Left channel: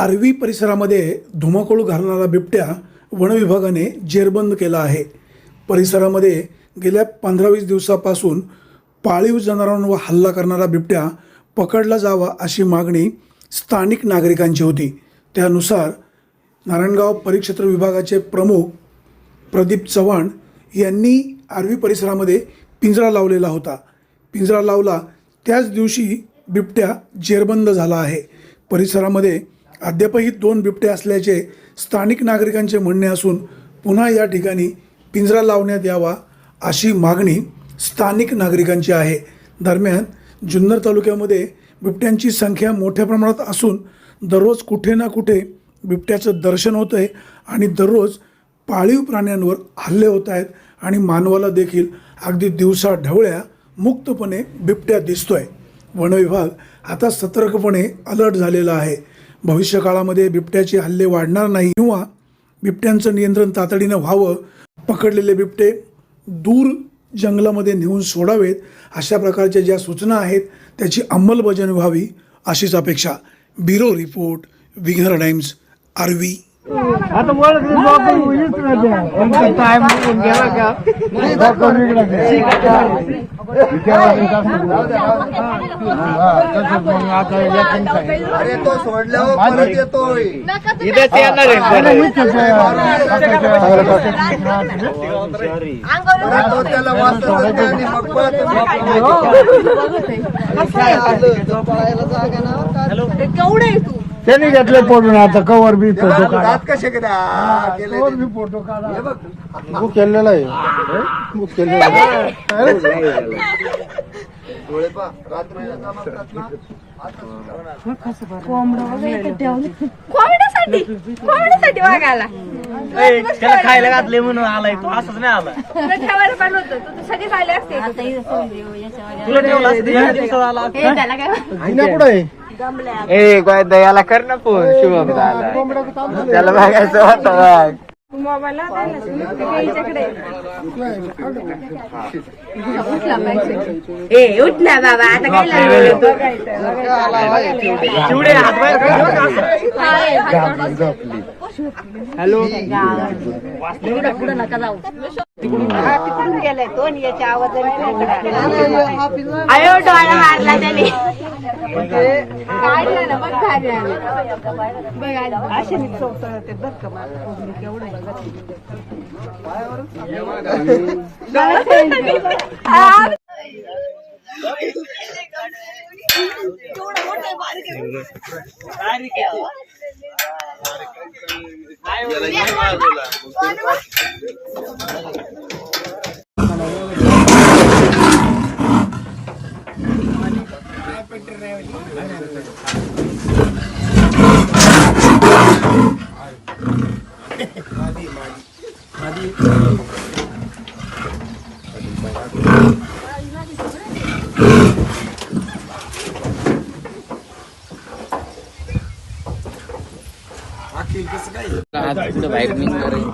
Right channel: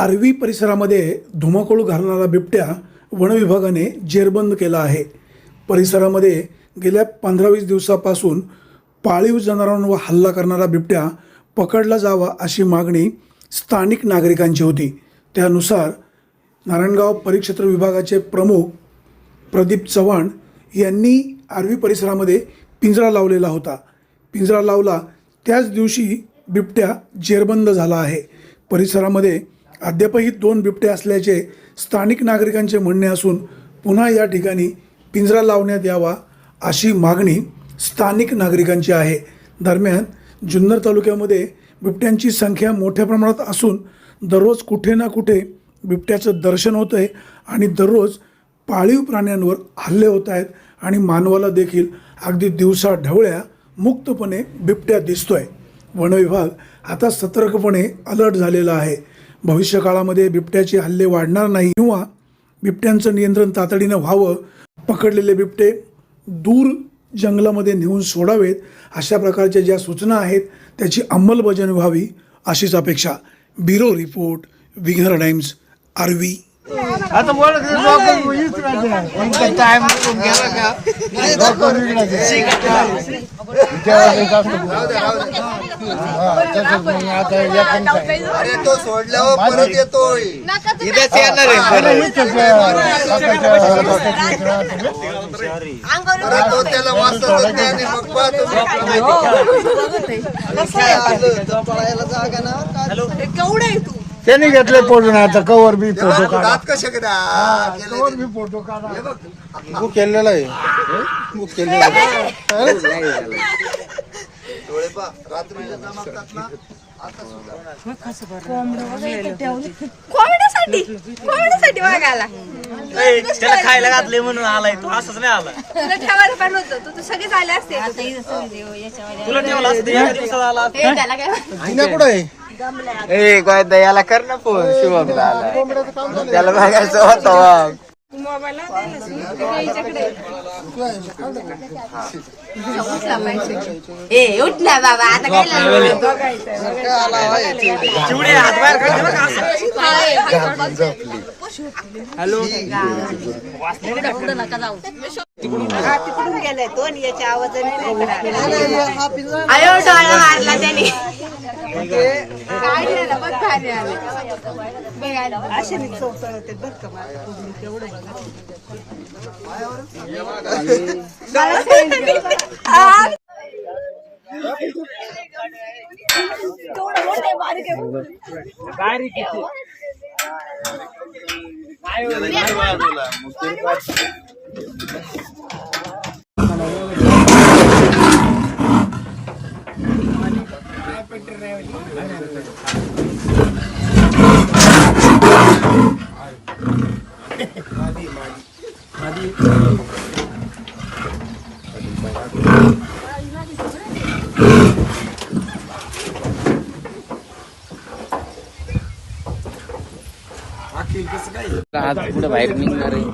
आर्वी परिसरामध्ये धुमाकूळ घालणारा बिबट्या वनविभागाने जेरबंद केला आहे. परिसरामध्ये गेल्या 15-20 दिवसापासून पाळीव जनावरांवर हल्ला करणारा बिबट्या पकडला जावा अशी मागणी स्थानिक नागरिकांची होती. त्यानुसार नारायणगाव परिक्षेत्र विभागाचे प्रमुख प्रदीप चव्हाण यांनी आर्वी परिसरामध्ये पिंजरा लावलेला होता. पिंजरा लावला त्याच दिवशी बिबट्या जेरबंद झाला आहे. परिसरामध्ये अद्यापही 2 बिबटे असल्याचे स्थानिक नागरिकांचे म्हणणे असून पुन्हा या ठिकाणी पिंजरा लावण्यात यावा अशी मागणी स्थानिक नागरिकांची आहे. दरम्यान जुन्नर तालुक्यामध्ये बिबट्यांची संख्या मोठ्या प्रमाणात असून दररोज कुठे ना कुठे बिबट्याचं दर्शन होतं आहे आणि दररोज पाळीव प्राण्यांवर हल्ले होत आहेत आणि मानवाला देखील अगदी दिवसा ढवळ्या मुक्तपणे बिबट्या दिसतोय. वनविभाग आता सतर्कपणे अलर्ट झालेला आहे. भविष्यकाळामध्ये बिबट्याचे हल्ले वाढणार नाही किंवा बिबट्यांचं नियंत्रण तातडीनं व्हावं, पकडलेले बिबटे दूर जंगलामध्ये नेऊन सोडावेत अशा प्रकारच्या ज्या सूचना आहेत त्याची अंमलबजावणी व्हावी अशीच अपेक्षा. ब्युरो रिपोर्ट, विघ्नर टाइम्स, आर्वी. आता बोल टाइम गेला का अरे तो सोडल्यावर परत येतोय. इथेच येणार तो त्याला वाचत आणि मग केवढे त्यांनी घेतले फोटो आता कवर बी दात कसे फोटो काढा बुक केलेला आहे. बुक केलेला त्याला खायला घातले म्हणून आलाय तो, असंच नाही आला. कुठे ए याला कर ना फोन शुभम त्याला बघायचं होतं. उठ ना बाबा आता हॅलो पुढे नका जाऊ. तिकडून गेलाय तो आणि याच्या आवाजाने अयो डोळा मारला त्याने. असे मी चोपता ते बघ का आज पुढे बाहेर निघणार आहे.